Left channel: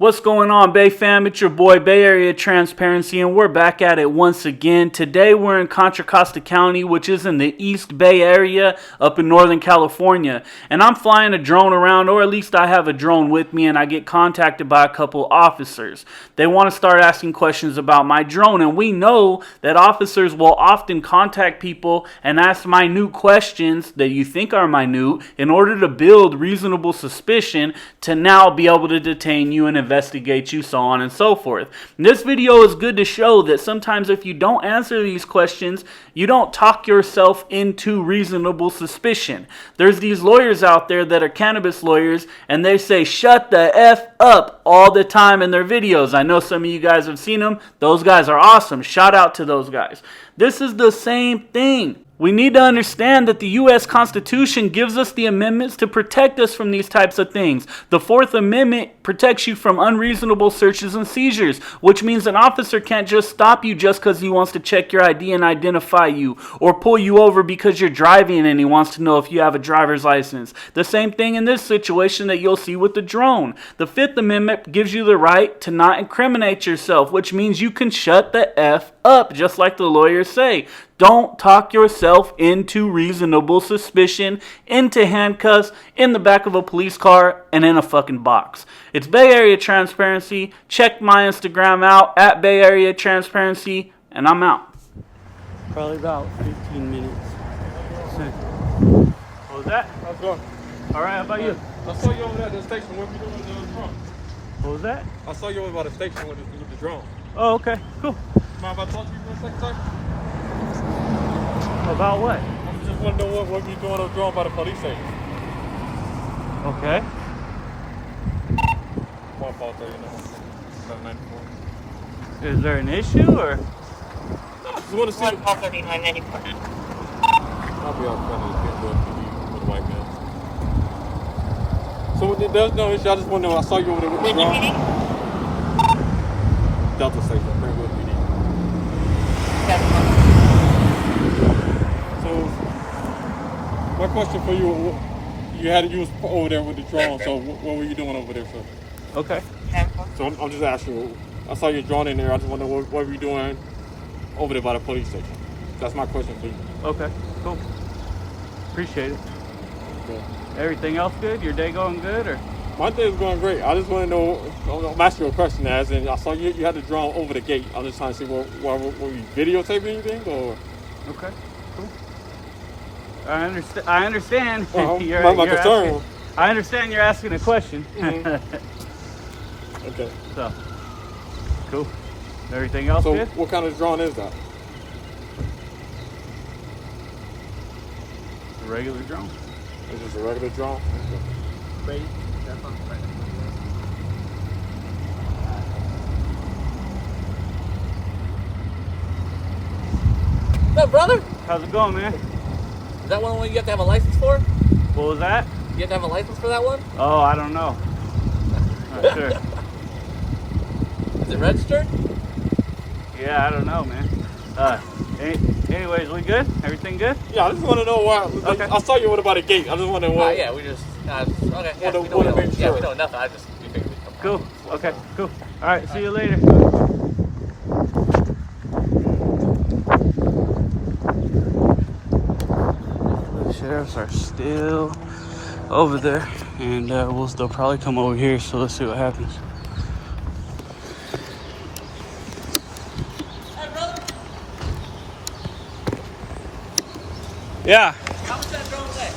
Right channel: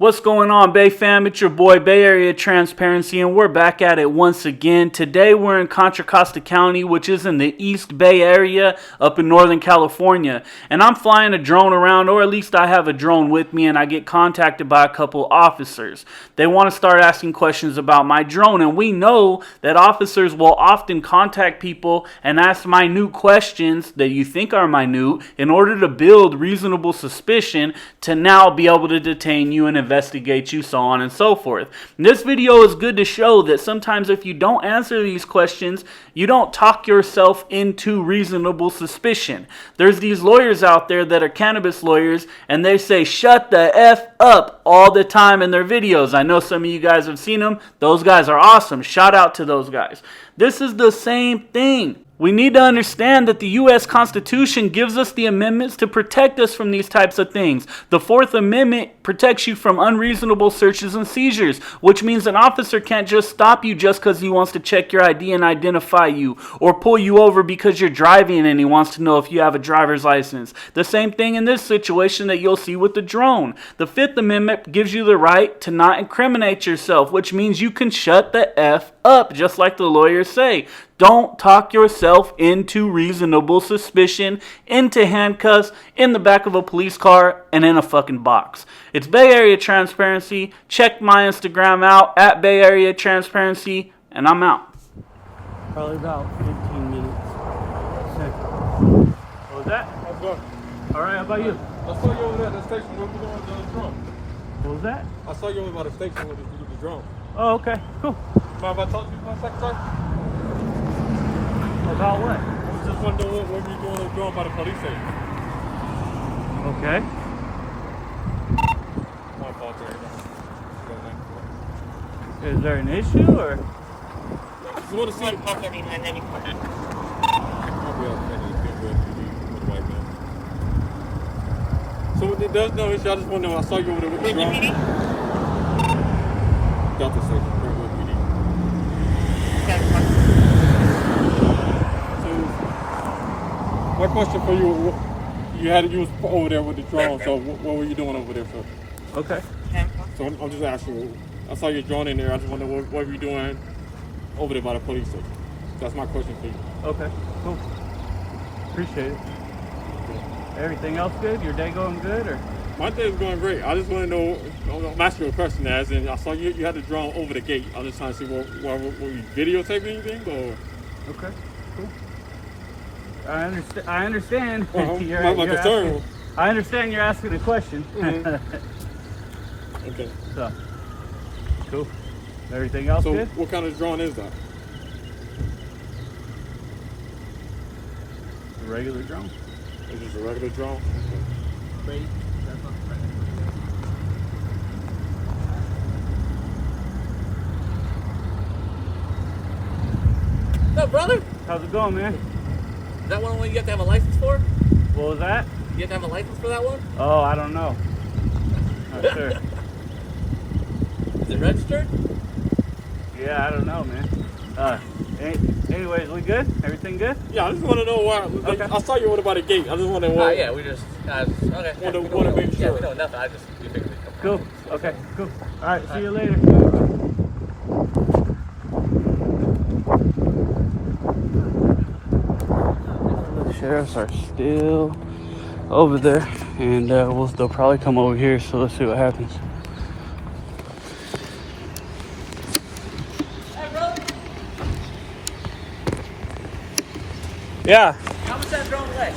What's going on, Bay fam? It's your boy, Bay Area Transparency, and we're back at it once again. Today, we're in Contra, Costa County, which is in the East Bay Area up in Northern California. And I'm flying a drone around, or at least I have a drone with me, and I get contacted by a couple officers. They want to start asking questions about my drone, and we know that officers will often contact people and ask minute questions that you think are minute in order to build reasonable suspicion to now be able to detain you and investigate you, so on and so forth. And this video is good to show that sometimes if you don't answer these questions, you don't talk yourself into reasonable suspicion. There's these lawyers out there that are cannabis lawyers, and they say shut the F up all the time in their videos. I know some of you guys have seen them. Those guys are awesome. Shout out to those guys. This is the same thing. We need to understand that the U.S. Constitution gives us the amendments to protect us from these types of things. The Fourth Amendment protects you from unreasonable searches and seizures, which means an officer can't just stop you just because he wants to check your ID and identify you, or pull you over because you're driving and he wants to know if you have a driver's license. The same thing in this situation that you'll see with the drone. The Fifth Amendment gives you the right to not incriminate yourself, which means you can shut the F up, just like the lawyers say. Don't talk yourself into reasonable suspicion, into handcuffs, in the back of a police car, and in a fucking box. It's Bay Area Transparency. Check my Instagram out, at Bay Area Transparency, and I'm out. Probably about 15 minutes. What was that? How's it going? All right, how about you? I saw you over there at the station. What were you doing with the drone? What was that? I saw you over by the station with the drone. Oh, okay, cool. Mind if I talk to you for a second? About what? Just want to know what you doing with the drone by the police station. Okay. My fault there, you know. 94. Is there an issue, or? No, I just want to see. Call 3994. I'll be out there with a white man. So there's no issue. I just want to know. I saw you over there with the drone. Delta Station, Brentwood PD. So, my question for you, you was over there with the drone, so what were you doing over there for? Okay. So I'm just asking you, I saw your drone in there, I just wonder what were you doing over there by the police station? That's my question for you. Okay, cool. Appreciate it. Okay. Everything else good? Your day going good, or? My day's going great. I just want to know, I'm asking you a question as in, I saw you had the drone over the gate. I'm just trying to see, were you videotaping anything, or? Okay, cool. I understand. My concern. I understand you're asking a question. Okay. So, cool. Everything else so good? What kind of drone is that? A regular drone. Is this a regular drone? Okay. What's up, brother? How's it going, man? Is that one you have to have a license for? What was that? You have to have a license for that one? Oh, I don't know. Not sure. Is it registered? Yeah, I don't know, man. Anyways, we good? Everything good? Yeah, I just want to know why. Okay. I saw you over by the gate. I just want to know why. Yeah, we just, okay. Yeah, Wanna we make sure. know nothing. We figured we'd come Cool. Okay, cool. All right, see you later. The sheriffs are still over there, and they'll probably come over here, so let's see what happens. Yeah. How much that drone weigh?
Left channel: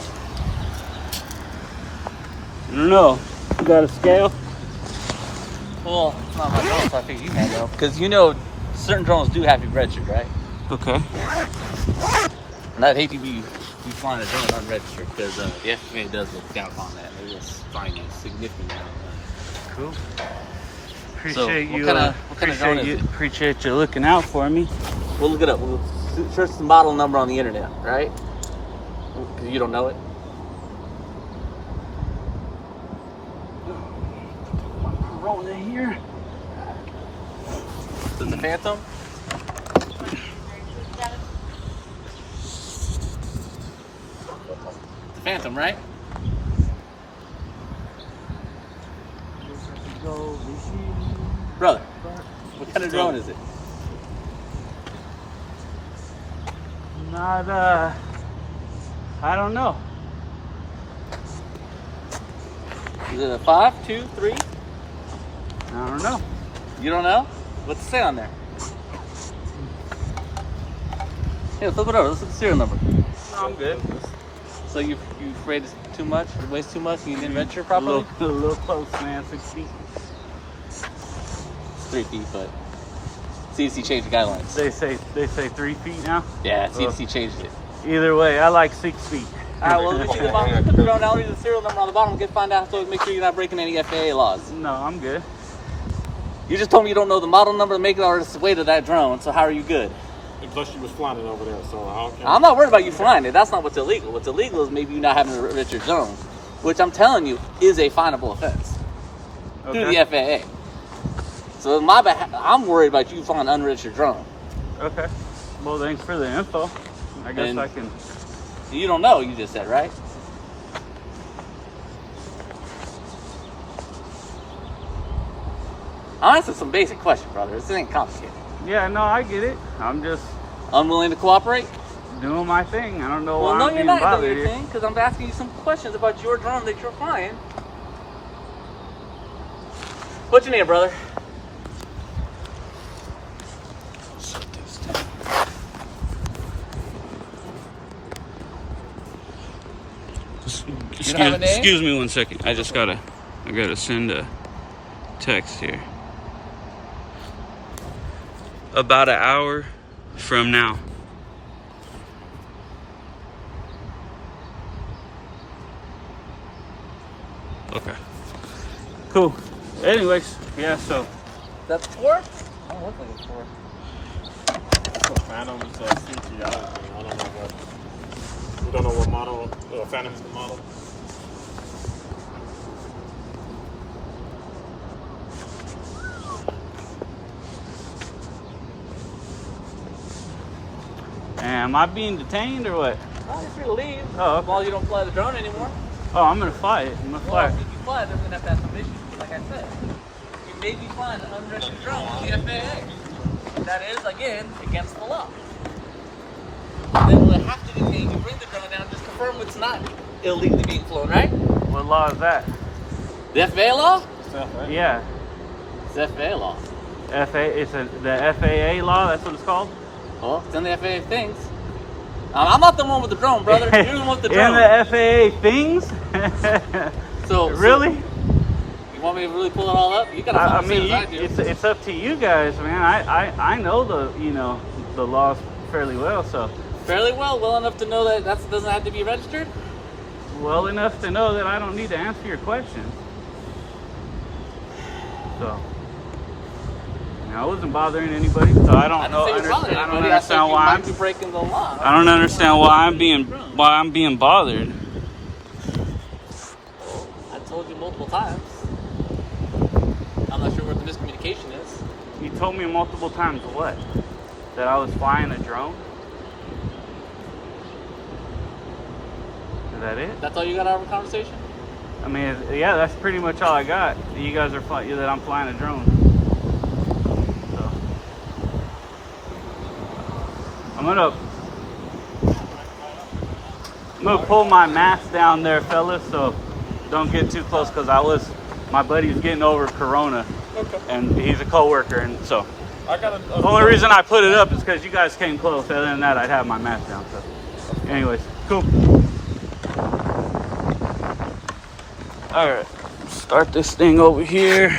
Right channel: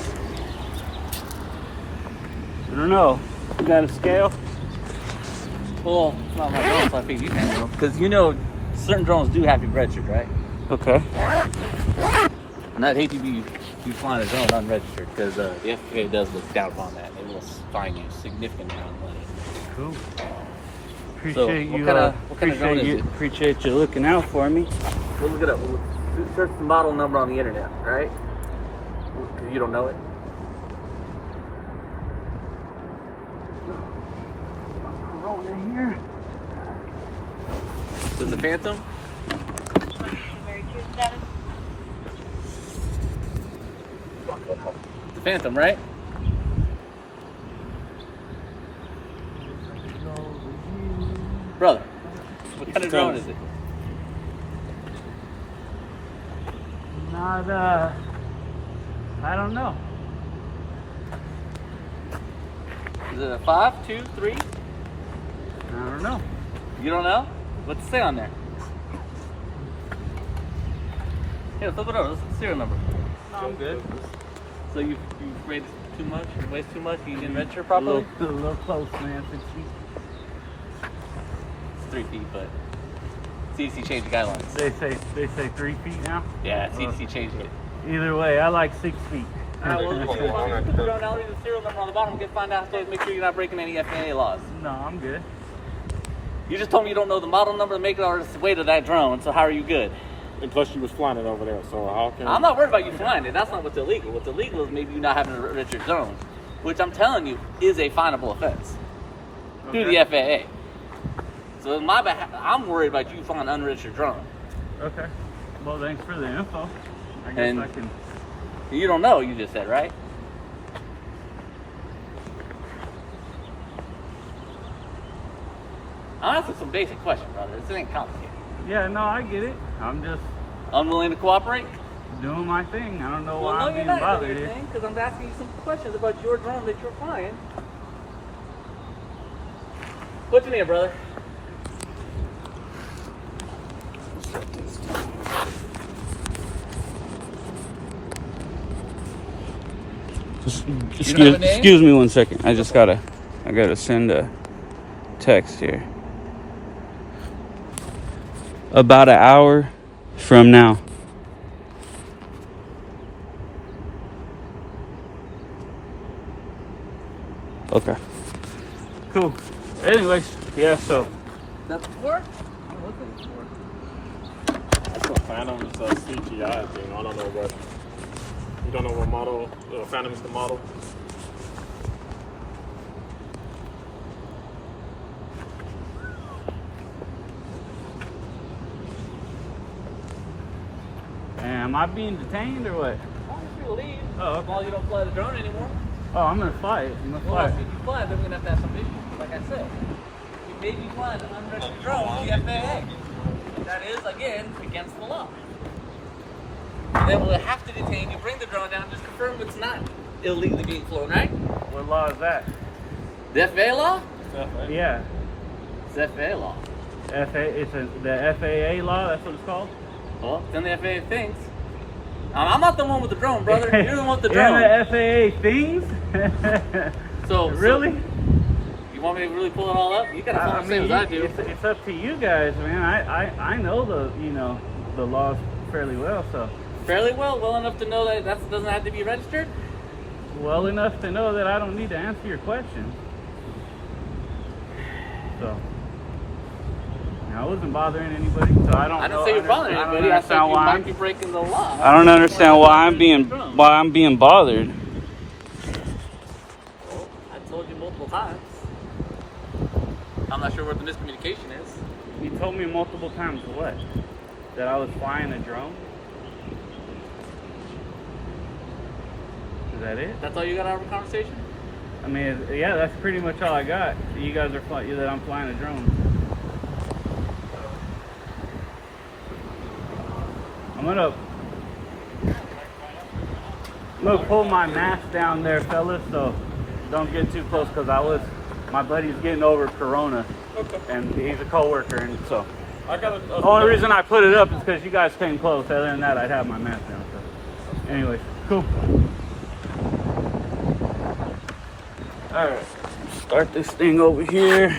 I don't know. You got a scale? Well, it's not my drone, so I think you can know. Because you know, certain drones do have to be registered, right? Okay. And I'd hate to be flying a drone unregistered, because if it does look down upon that, it will fine you a significant amount of money. Cool. Appreciate what kind of drone is it? Appreciate you looking out for me. We'll look it up. We'll search the model number on the internet, right? Because you don't know it. Rolling in here. Is it the Phantom? The Phantom, right? Brother, what kind of drone is it? Not, I don't know. Is it a 5, 2, 3? I don't know. You don't know? What's it say on there? Here, flip it over. Let's look at the serial number. No, I'm good. So you afraid it's too much? It weighs too much? You didn't register properly? A little close, man. 6 feet. 3 feet, but CDC changed the guidelines. They say 3 feet now. Yeah, CDC changed it. Either way, I like 6 feet. Alright, well, let me put the drone down, leave the serial number on the bottom, find out, so make sure you're not breaking any FAA laws. No, I'm good. You just told me you don't know the model number, the make, or the weight of that drone, so how are you good? And plus, you was flying it over there, so how can... I'm not worried about you flying it. That's not what's illegal. What's illegal is maybe you not having a registered drone, which I'm telling you is a finable offense through the FAA. So on my behalf, I'm worried about you flying an unregistered drone. Okay. Well, thanks for the info. I guess I can... You don't know, you just said, right? I'll answer some basic questions, brother. This ain't complicated. Yeah, no, I get it. I'm just Unwilling to cooperate? doing my thing. I don't know why no, I'm you're being not bothered doing here. your thing, because I'm asking you some questions about your drone that you're flying. What's your name, brother? Excuse me 1 second. I just gotta send a text here. About an hour from now. Okay. Cool. Anyways, yeah, so. That's Ford? I don't know what that's for. It's a Phantom, it's a CGI thing. I don't know what... You don't know what model? Phantom is the model? Am I being detained or what? I'm free to leave. Oh, As long as you don't fly the drone anymore. Oh, I'm gonna fly it. I'm gonna fly Well, it. if you fly it, then we're gonna have to have some issues. But like I said, you may be flying an unregistered drone with the FAA. That is, again, against the law. Then we'll have to detain you, bring the drone down, just confirm it's not illegally being flown, right? What law is that? The FAA law? Yeah. It's the FAA law. The FAA law, that's what it's called? Well, it's in the FAA things. I'm not the one with the drone, brother. You're the one with the drone. In the FAA things? So really? You want me to really pull it all up? You gotta follow the same as I do. It's up to you guys, man. I know the laws fairly well, so. Fairly well enough to know that doesn't have to be registered? Well enough to know that I don't need to answer your question. So. I wasn't bothering anybody, so I don't know. I don't understand why I'm breaking the law. I don't understand why I'm being bothered. Well, I told you multiple times. I'm not sure what the miscommunication is. You told me multiple times what? That I was flying a drone? Is that it? That's all you got out of a conversation? I mean, yeah, that's pretty much all I got. You guys are that I'm flying a drone. So I'm gonna pull my mask down there, fellas. So don't get too close, because my buddy's getting over Corona, and he's a coworker, and so the only reason I put it up is because you guys came close. Other than that, I'd have my mask down. So, anyways, cool. All right, start this thing over here.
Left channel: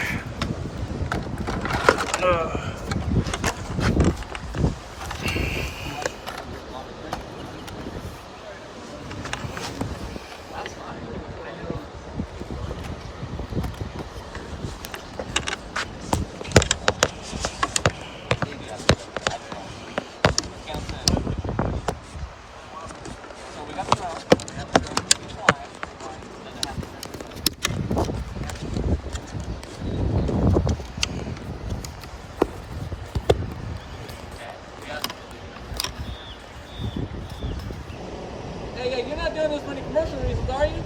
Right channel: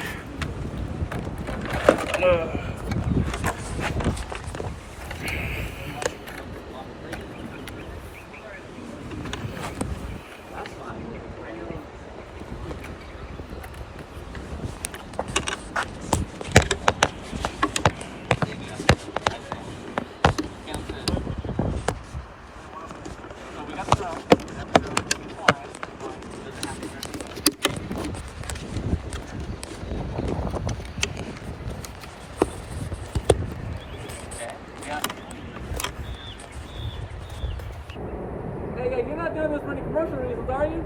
Hey, you're not doing this for any commercial reasons, are you?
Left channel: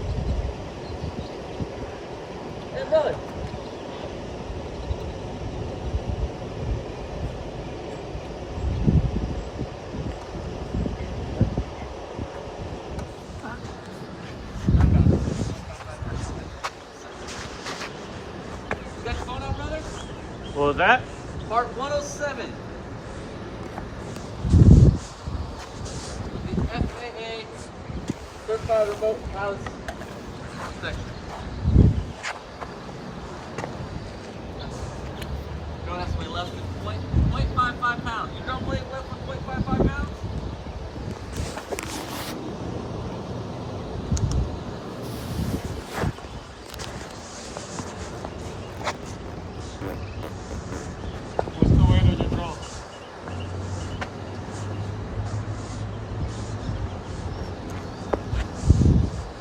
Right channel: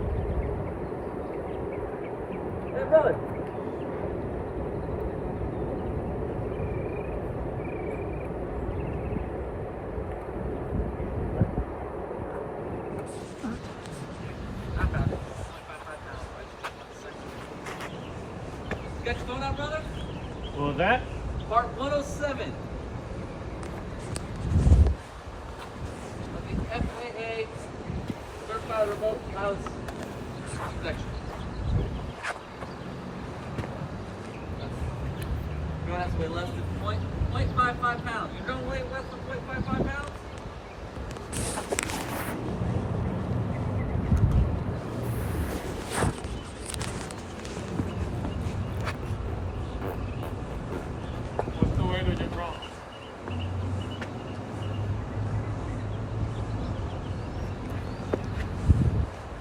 Hey, brother. Phone out, brother? What was that? Part 107. Of the FAA Certified Remote Pilot's Section. No, that's way less than 0.55 pounds. You don't weigh less than 0.55 pounds?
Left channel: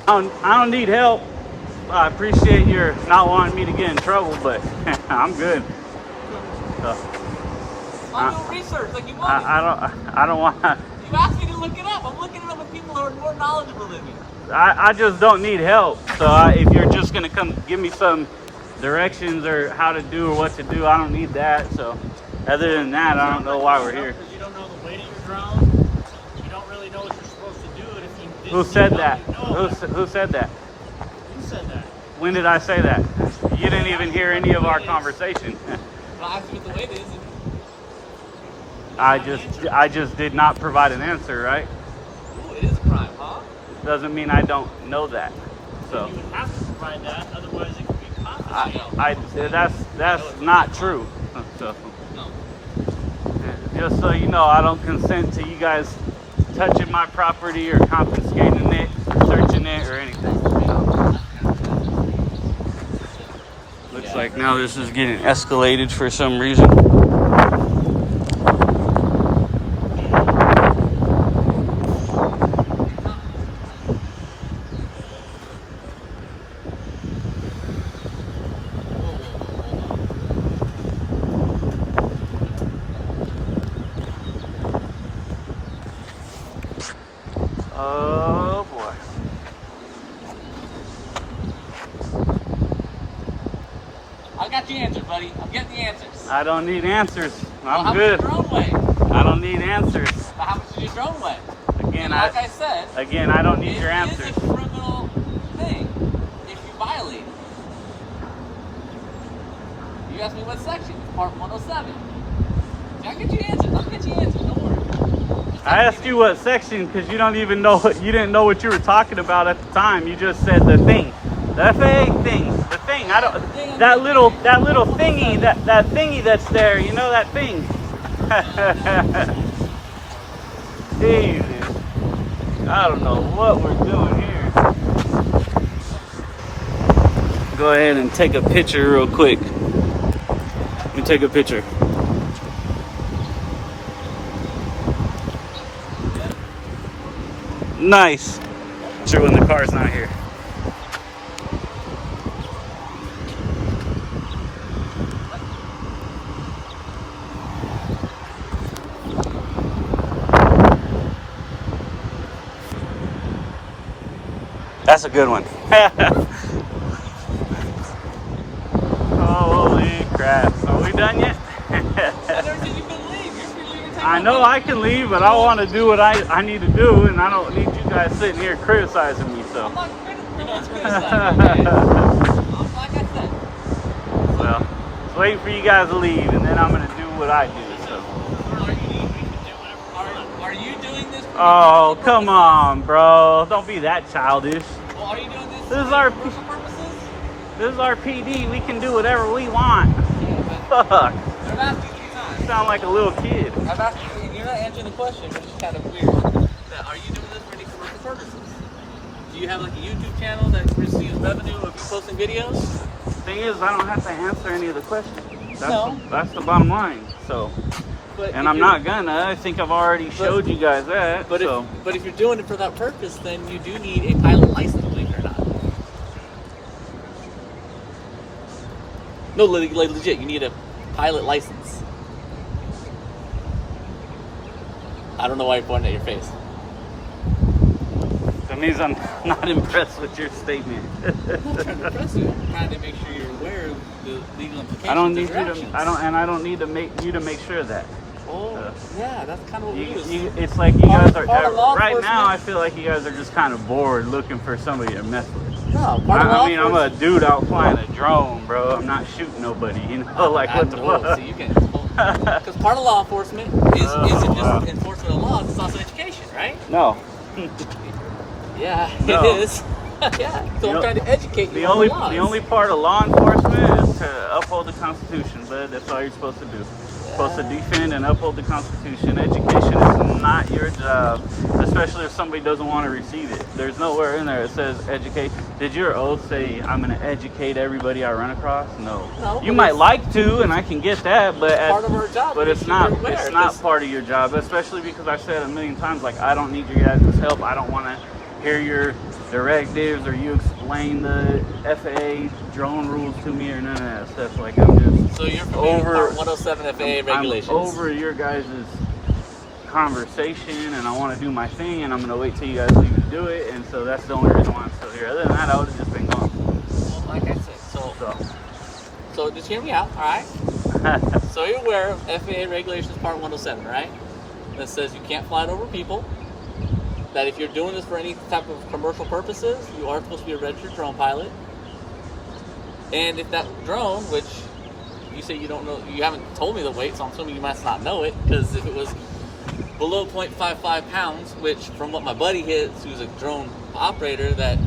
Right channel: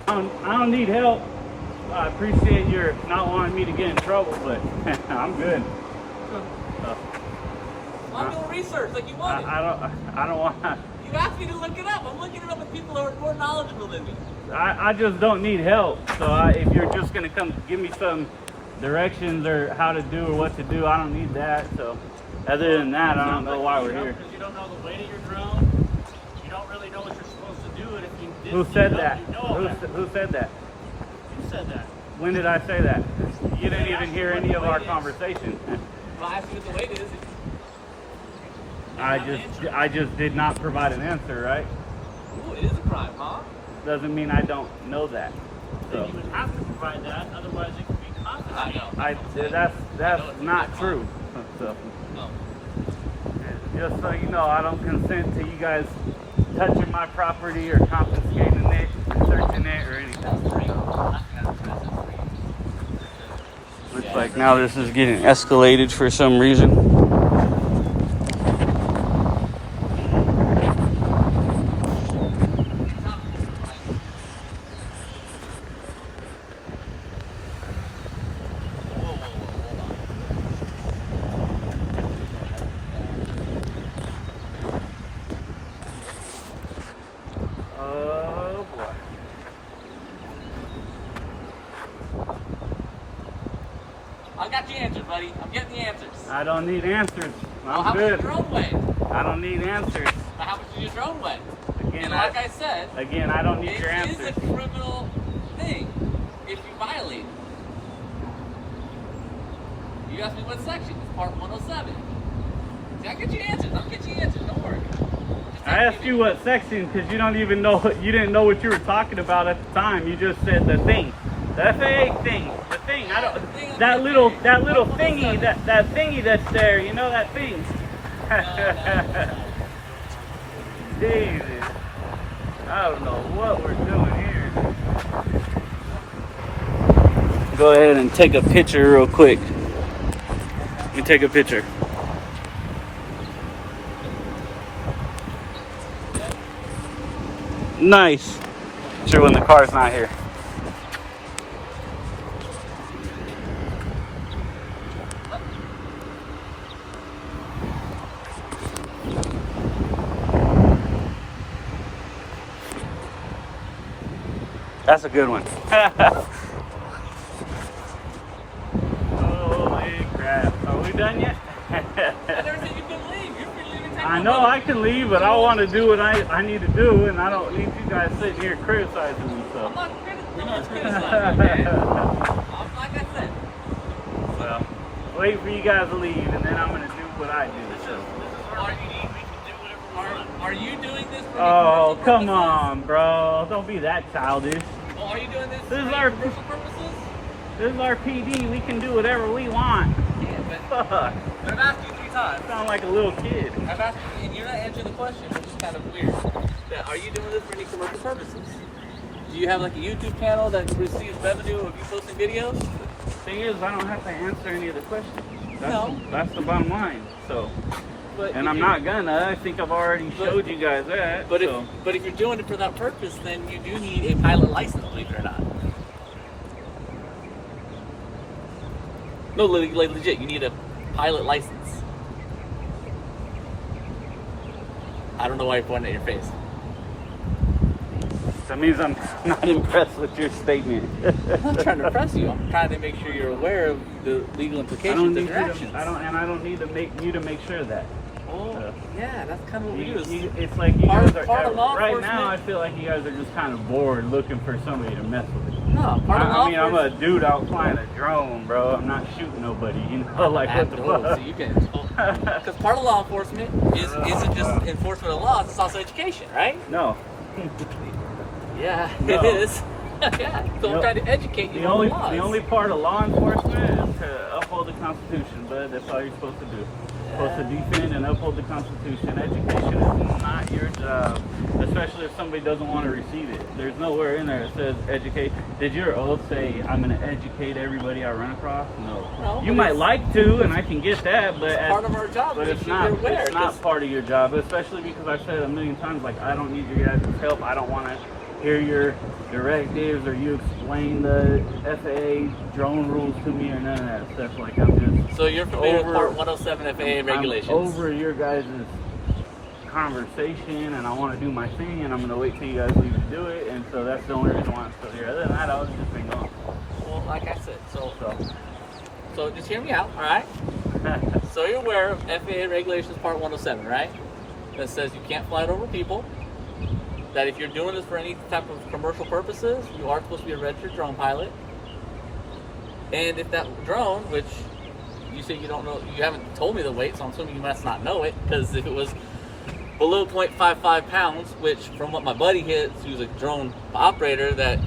I don't need help. I appreciate your not wanting me to get in trouble, but I'm good. I'm doing research like you wanted. I don't want. You asked me to look it up. I'm looking it up with people who are more knowledgeable than me. I just don't need help. So if you're just gonna come give me some directions or how to do or what to do, I don't need that. So other than that, I don't know why we're here. Because you don't know the weight of your drone. You don't really know what you're supposed to do. And if you did Who said see that? one, you know Who said that? You said that. When did I say that? You didn't even hear any of our conversation. I asked you what the weight is. I just did not provide an answer, right? Ooh, it is a crime, huh? Doesn't mean I don't know that. So You would have to provide that, otherwise it could be confiscated. that's not true. So just so you know, I don't consent to you guys touching my property or confiscating it or searching it or anything. Looks like now this is getting escalated for some reason. Oh boy. I got the answers, buddy. I'm getting the answers. I don't need answers. I'm How good. much your drone weigh? I don't need answers. How much does your drone weigh? Again, And like I said, I don't need it your is answers. a criminal thing if you violate it. You asked me what section? Part 107. I'll get you answers. I'll get you answers. Don't worry. I asked you what section because you don't even know you didn't know what you were talking about at the time. You just said the thing, the FAA thing, the thing. I don't that little thingy that thingy that's there. You know that thing. Jesus, I don't know what we're doing here. Go ahead and take a picture real quick. Let me take a picture. Nice. Sure, when the car's not here. That's a good one. Holy crap. Are we done yet? I know I can leave, but I want to do what I need to do, and I don't need you guys sitting here criticizing me, so. We're not criticizing. Like I said. Well, just waiting for you guys to leave, and then I'm going to do what I do, so. Are you doing this? Oh, come on, bro. Don't be that childish. Well, are you doing this This is for our commercial purposes? This is our PD. We can do whatever we want. Fuck. I've asked you 3 times. You sound like a little kid. I've asked you, and you're not answering the question, which is kind of weird. Are you doing this for any commercial purposes? Do you have like a YouTube channel that receives revenue of you posting videos? Thing is, I don't have to answer any of the questions. No. That's the bottom line. So, But and if I'm you're- not gonna. I think I've already showed you guys that. But so. if you're doing it for that purpose, then you do need a pilot license, believe it or not. No, like legit, you need a pilot license. I don't know why you're pointing at your face. That means I'm not impressed with your statement. I'm not trying to impress you. I'm trying to make sure you're aware of the legal implications I don't of need your actions. I don't need to make you to make sure of that. Oh, yeah, that's kind of what we do. It's like you Part- guys part of are law right now. enforcement- I feel like you guys are just kind of bored, looking for somebody to mess with. No, part of law I mean, I'm a enforcement- dude out flying a drone, bro. I'm not shooting nobody. You know, like what the Whoa, fuck? so you can, because part of law enforcement isn't just enforcement of laws; it's also education, right? No. Yeah, No. it is. Yeah, so The I'm o- trying to educate you The on only the laws. the only part of law enforcement is to uphold the Constitution, but that's all you're supposed to do. Supposed to defend and uphold the Constitution. Education is not your job, especially if somebody doesn't want to receive it. There's nowhere in there that says educate. Did your oath say I'm going to educate everybody I run across? No. No, You but might it's- like to, and I can get that, but part of our job. but to it's make sure not you're aware, it's not 'cause- part of your job, especially because I've said a million times, like, I don't need your guys' help. I don't want to hear your directives or you explain the FAA drone rules to me or none of that stuff. Like, I'm just So you're familiar over- with Part 107 FAA regulations. I'm over your guys' conversation, and I want to do my thing, and I'm going to wait till you guys leave to do it, and so that's the only reason why I'm still here. Other than that, I would have just been gone. Well, like I said, So, so just hear me out, all right? So you're aware of FAA regulations Part 107, right? That says you can't fly it over people. That if you're doing this for any type of commercial purposes, you are supposed to be a registered drone pilot. And if that drone, which you say you don't know, you haven't told me the weight, so I'm assuming you must not know it, because if it was below 0.55 pounds, which from what my buddy hits, who's a drone operator, that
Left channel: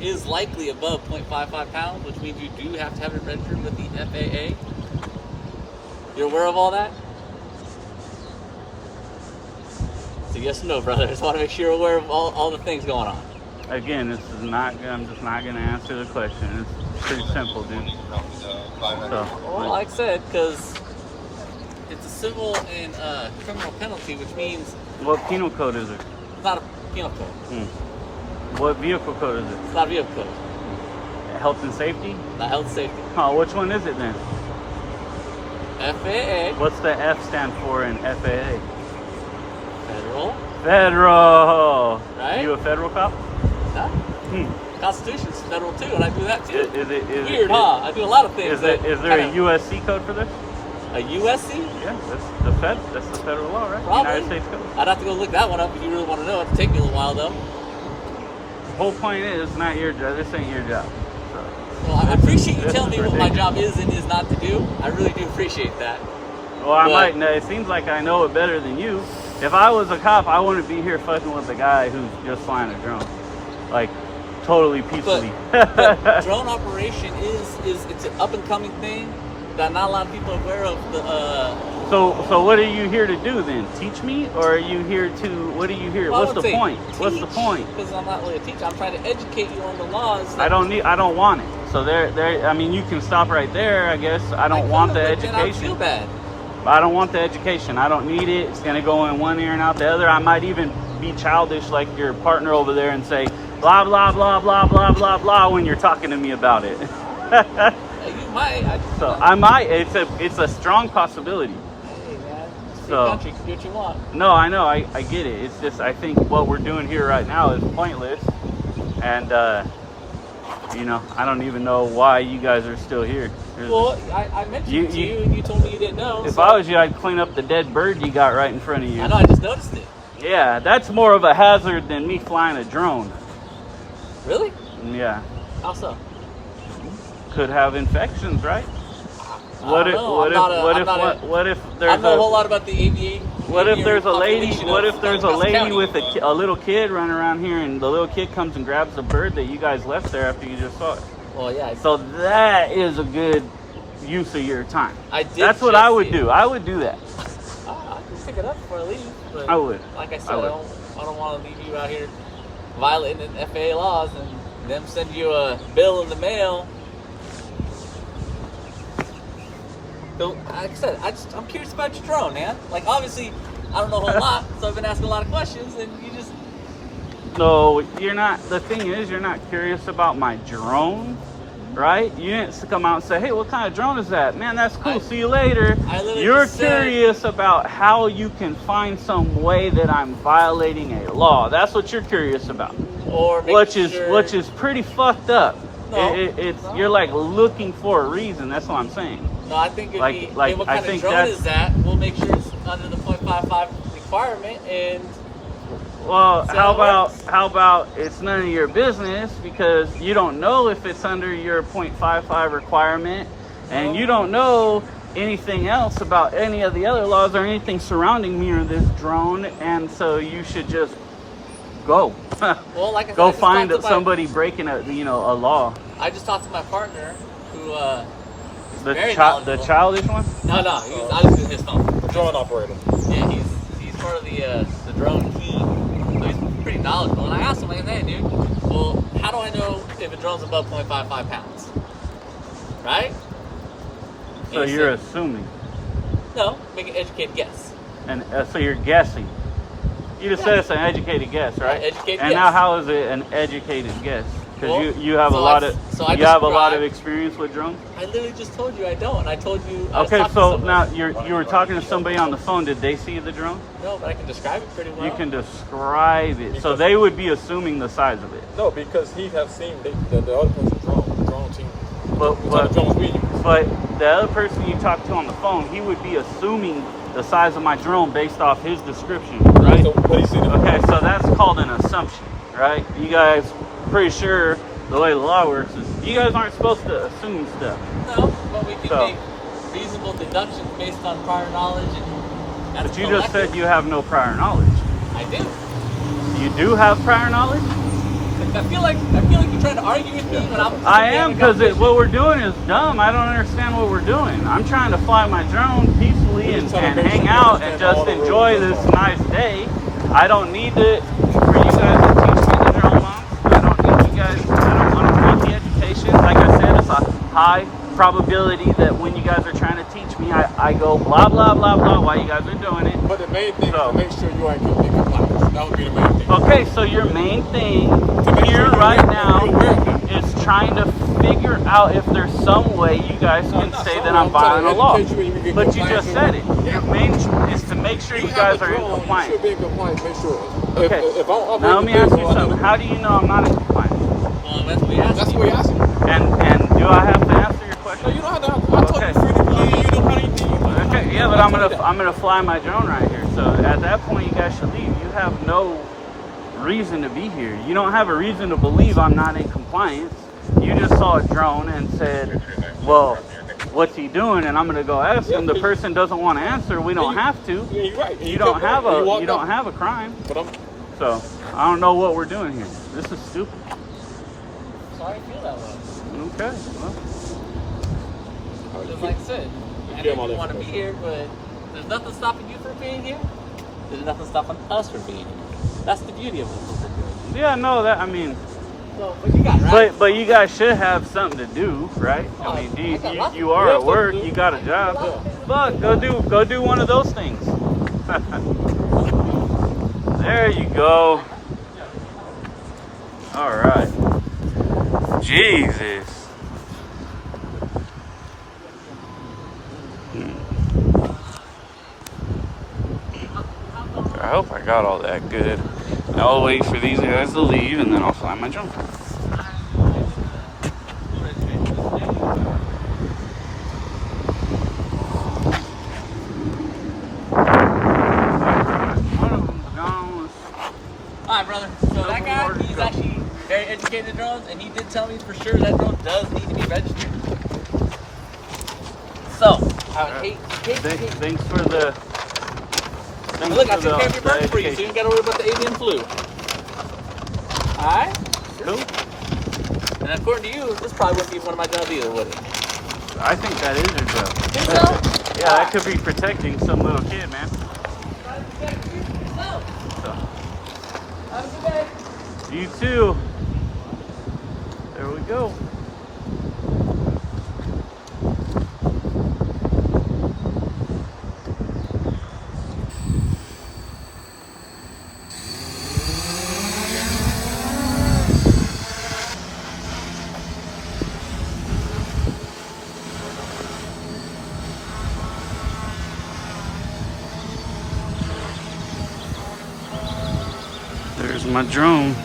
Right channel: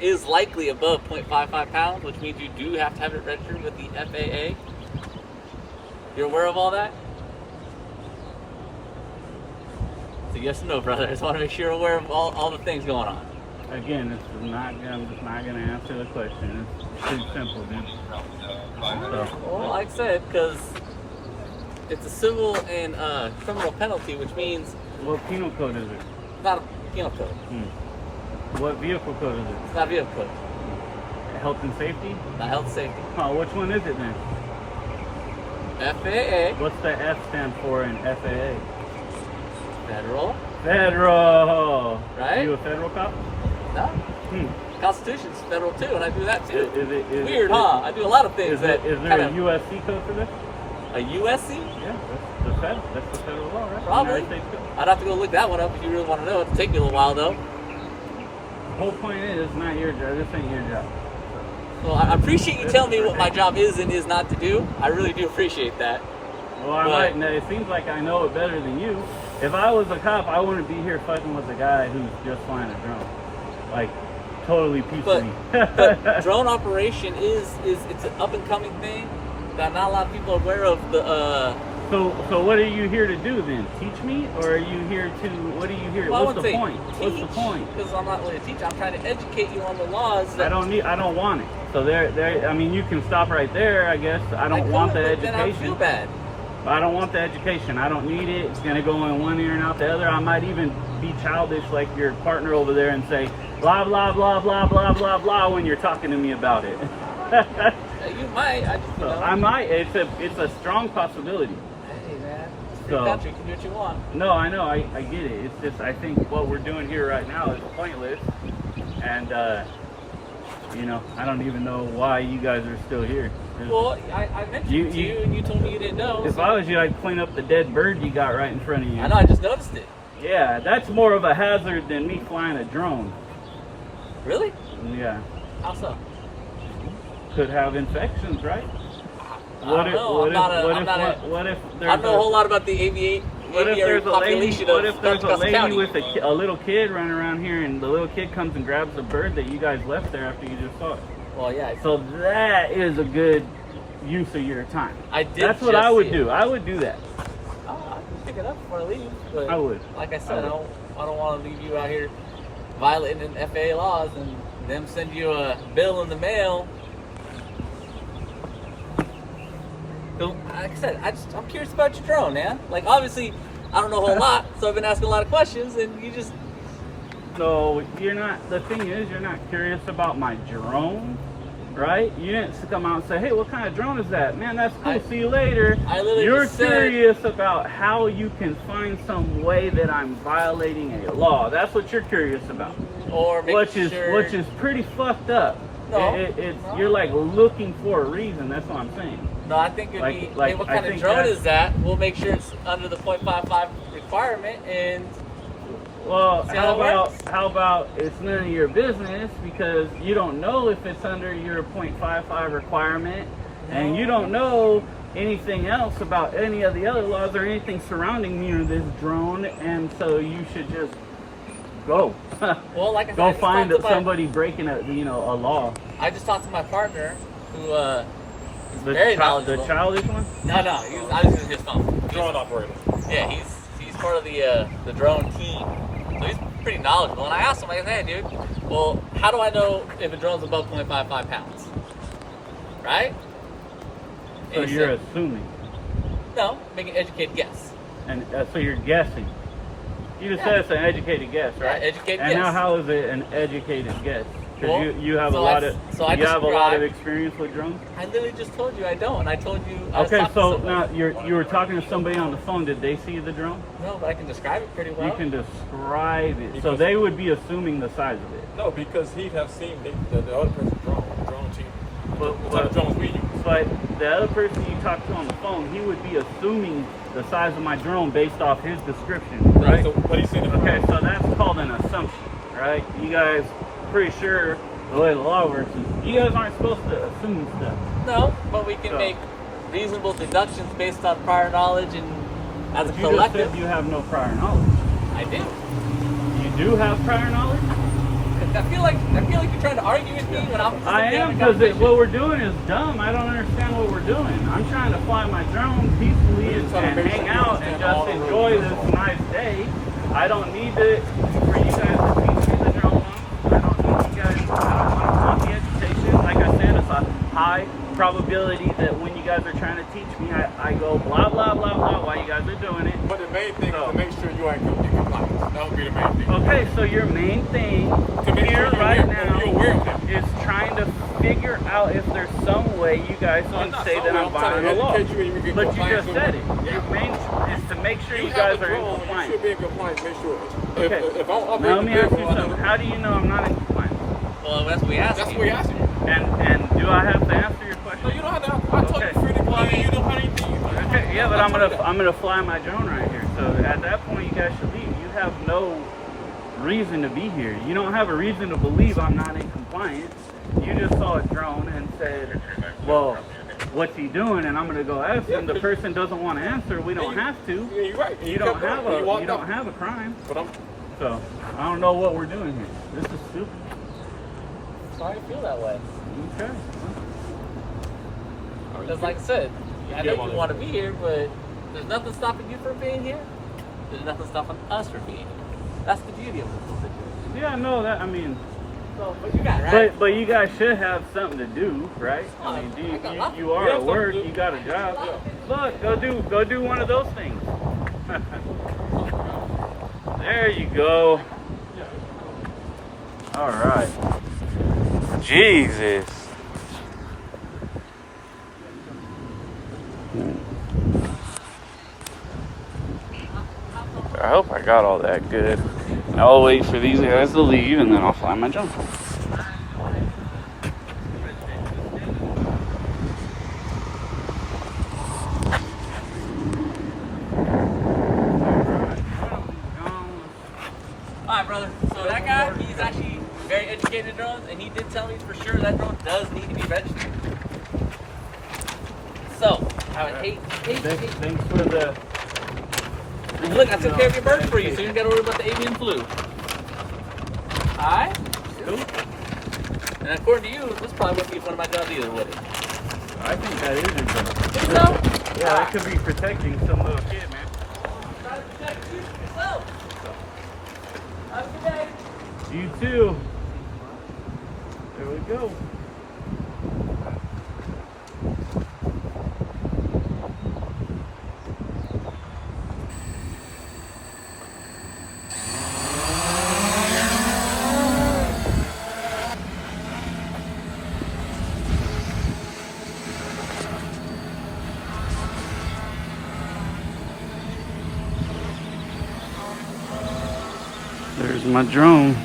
is likely above 0.55 pounds, which means you do have to have it registered with the FAA. You're aware of all that? So yes or no, brother? I just want to make sure you're aware of all the things going on. again, this is not. I'm just not going to answer the question. It's pretty simple, dude. So, Well, like I said, because it's a civil and criminal penalty, which means what penal code is it? it's not a penal code. What vehicle code is it? It's not a vehicle code. Health and safety? Not health and safety. Oh, which one is it then? FAA, What's the F stand for in FAA? federal, Federal. Right? You a federal cop? no. Hmm. Constitution's federal too, and I do that too. Is Weird, it, huh? I do a lot of things. Is there a kinda- USC code for this? a USC? Yeah, that's the Fed. That's the federal law, right? Probably. United States code. I'd have to go look that one up if you really want to know. It'd take me a little while though. The whole point is not your job. This ain't your job. So. Well, I appreciate you This telling me is what my ridiculous. job is and is not to do. I really do appreciate that. Well, I But- might know. It seems like I know it better than you. If I was a cop, I wouldn't be here fucking with the guy who's just flying a drone, like totally peacefully. But drone operation is it's an up and coming thing that not a lot of people are aware of. So what are you here to do then? Teach me, or are you here to? What are you here? Well, I What's would the say point? What's the point? Because I'm not really a teacher. I'm trying to educate you on the laws. I don't want it. So there. I mean, you can stop right there. I guess I don't want the Then I feel education. bad. I don't want the education. I don't need it. It's gonna go in one ear and out the other. I might even be childish like your partner over there and say blah blah blah blah blah blah blah when you're talking to me about it. You might. I just, So you know, I might. It's a strong possibility. Hey man, it's a free So- country. You can do what you want. No, I know. I get it. It's just I think what we're doing here right now is pointless, and I don't even know why you guys are still here. Well, I mentioned it to you, and you told me you didn't know. If so- I was you, I'd clean up the dead bird you got right in front of you. I know. I just noticed it. Yeah, that's more of a hazard than me flying a drone. Really? Yeah, How so? could have infections, right? I don't know. What if I there's don't know a whole lot about the aviation. what if there's a lady? population What of if there's a Costa lady County. with a little kid running around here, and the little kid comes and grabs the bird that you guys left there after you just saw it? Well, yeah. So that is a good use of your time. I did. That's what just I would see do. it. I would do that. I can pick it up before I leave. But I would. Like I said, I I, would. don't want to leave you out here violating the FAA laws and them send you a bill in the mail. So, like I said, I'm curious about your drone, man. Like, obviously, I don't know a whole lot, so I've been asking a lot of questions, and you just... So you're not. The thing is, you're not curious about my drone, right? You didn't come out and say, "Hey, what kind of drone is that? Man, that's cool. See you later." I literally You're just said- curious about how you can find some way that I'm violating a law. That's what you're curious about. Or making Which is sure... pretty fucked up. No, It's no. You're like looking for a reason. That's what I'm saying. No, I think it'd Like- be, like, hey, what I kind of think drone that's- is that? We'll make sure it's under the .55 requirement, and Well, See how how it about works? how about it's none of your business because you don't know if it's under your .55 requirement, and you don't know anything else about any of the other laws or anything surrounding me or this drone, and so you should just go. well, like I said, I Go just find talked to somebody breaking a law. I just talked to my partner, who is The very the knowledgeable. childish one. No, I was using his phone. Drone operator. Yeah, he's part of the drone team, so he's pretty knowledgeable. And I asked him, like, hey, dude, well, how do I know if a drone's above .55 pounds? Right? So And he you're said, assuming, no, make an educated guess. and so you're guessing. You just said it's an educated guess, right? Yeah, educated and guess. now, how is it an educated guess? Because Well, you have so a lot I- of so I you have a lot of described- experience with drones. I literally just told you I don't, and I told you. I was Okay, talking to so someone. now you were talking to somebody on the phone. Did they see the drone? No, but I can describe it pretty well. You can describe it. So they would be assuming the size of it. No, because he have seen the other person's drone team. But What type of but drones we use. but the other person you talked to on the phone, he would be assuming the size of my drone based off his description, right? So what he seen. Okay, so that's called an assumption, right? You guys, pretty sure the way the law works is you guys aren't supposed to assume stuff. No, but we can So- make reasonable deductions based on prior knowledge and as But a you just collective. said you have no prior knowledge. I did. You do have prior knowledge? I feel like you're trying to argue with me when I'm. I am, because what we're doing is dumb. I don't understand what we're doing. I'm trying to fly my drone peacefully and hang out and just enjoy this nice day. I don't need for you guys to teach me the drone long. I don't need you guys. I don't want to need the education. Like I said, it's a high probability that when you guys are trying to teach me, I go blah blah blah blah while you guys are doing it. But the main thing So- is to make sure you are in compliance. That would be the main thing. Okay, so your main thing make here sure right you're now aware of is trying to figure out if there's some way you guys No, can not say some that way. I'm I'm trying to violating the law. educate you and you get But you compliance just said it. with it. Your main is to make sure you have guys a are in drone, You compliance. should be in compliance. Make sure. Okay. If I'm Now let me ask you operating the something. vehicle, How do you know I'm not in compliance? Well, that's what we asked. That's you. what he asking you. And do I have to answer your No, question? you don't have to. I told Okay. you free to fly. You don't have anything. Okay, yeah, but I'm gonna fly my drone right here. So at that point, you guys should leave. You have no reason to be here. You don't have a reason to believe I'm not in compliance. You just saw a drone and said, "Well, what's he doing?" And I'm gonna go ask him. The person doesn't want to answer. We don't have to. Yeah, you're right. You don't have a crime. But I'm. So I don't know what we're doing here. This is stupid. Sorry, I feel that way. Okay. Well, Because, like I said, I Yeah, know well, you want to be here, but there's nothing stopping you from being here. There's nothing stopping us from being here. That's the beauty of what we're doing. yeah, no, that I mean. So, but you got it, right? But you guys should have something to do, right? I mean, you are at work, you got a job. But go do one of those things. There you go. All right. Jesus. I hope I got all that good. I'll wait for these guys to leave and then I'll fly my drone. Alright, brother. So that guy, he's actually very educated in drones, and he did tell me for sure that drone does need to be registered. So, I would hate. Thanks for the. Look, I took care of your bird for you, so you don't gotta worry about the avian flu. Alright? Cool. And according to you, this probably wouldn't be one of my jobs either, would it? I think that is your job. Think so? Yeah, that could be protecting some little kid, man. Try to protect you yourself. So, Have a good day. you too. There we go. There's my drone.